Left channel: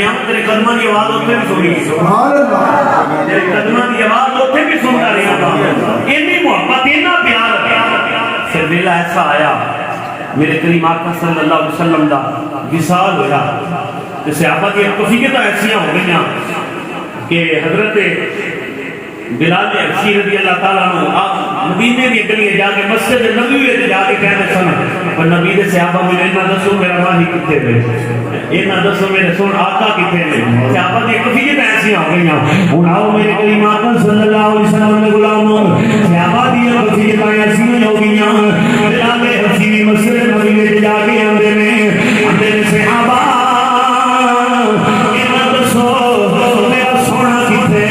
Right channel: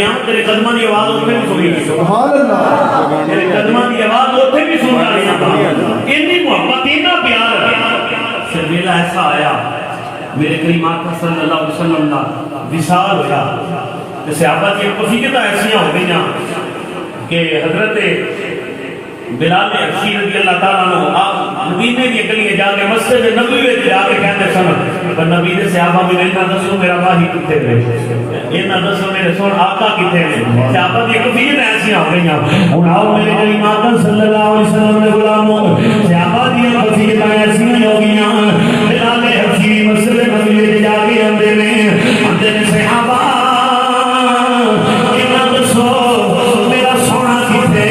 गया तेरे कदमां की आवाज उत्थे भी सुनी, सुभान अल्लाह, तेरे कदमां की आवाज उत्थे भी सुनता रहा। इतनी मोहब्बत इतना प्यार। फिर मेरा ऐसा आया मेरे करीम आका सल्लल्लाहु अलैहि वसल्लम दा विसाल होया ते सहाबा दी खुशियां ऐसियां हो गईयां कि हजरत बिलाल हबशी रज़ी अल्लाह ताला अन्हु मदीने की गली जाके मस्जिद नबी में जाके कहते सन पर नबी दे सहाबा मुझे इन्ना दसो मेरा वाही किथे गए, इन्ना दसो मेरे सुन आका किथे गए। सहाबा दी खुशियां ऐसियां हो गईयां। हुन आओ मेरे करीम आका सल्लल्लाहु अलैहि वसल्लम दे गुलामों, सहाबा दी खुशियां ऐसियां हो गईयां। बिलाल हबशी मस्जिद नबी में जाके आंदे ने आंदे ने सहाबा इन्ना दसो मेरा सोना किथे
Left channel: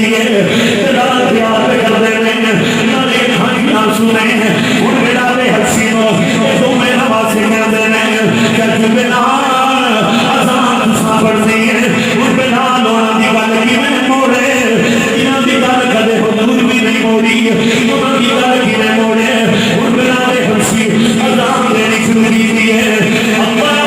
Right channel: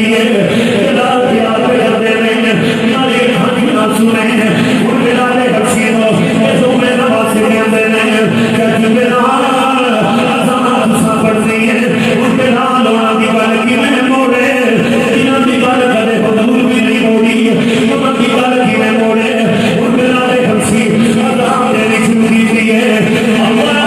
दी है जलाल प्यार करते हैं नाले खानी ना सुने हुण बेड़ा दे हसीनो ये तो मेरा वासी कहते हैं क्या जुबेना आसान तुसा पढ़ते हैं हुण बेड़ा लोना दी गल किवें मोड़े इन्हां दी गल कदे हुजूर भी नहीं मोड़ी उन्हां दी गल किवें मोड़े हुण बेड़ा दे हसी अजान देनी शुरू की है अल्लाह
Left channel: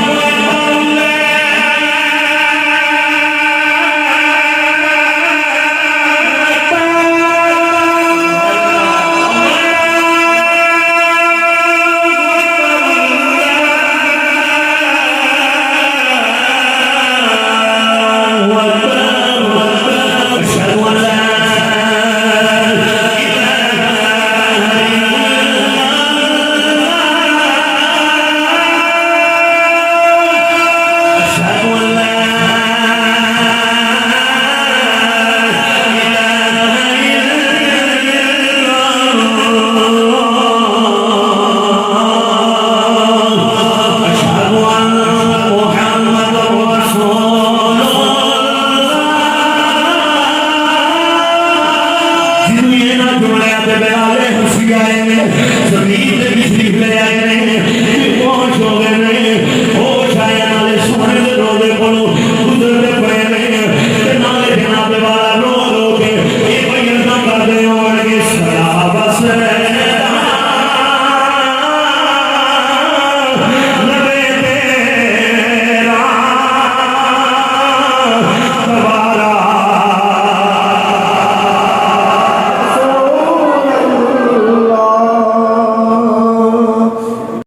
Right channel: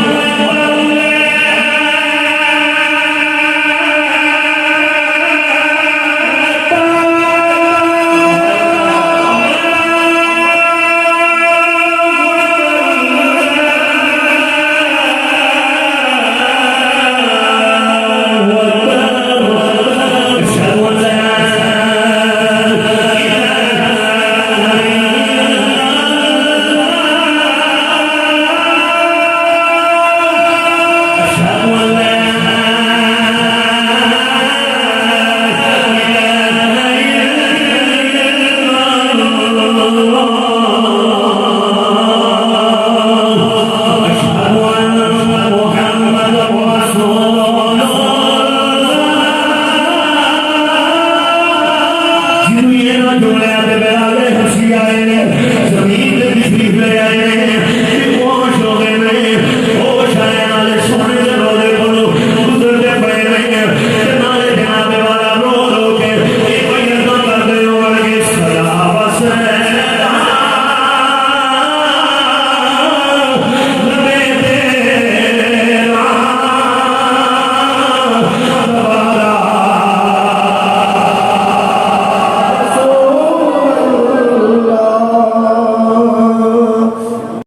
जमीन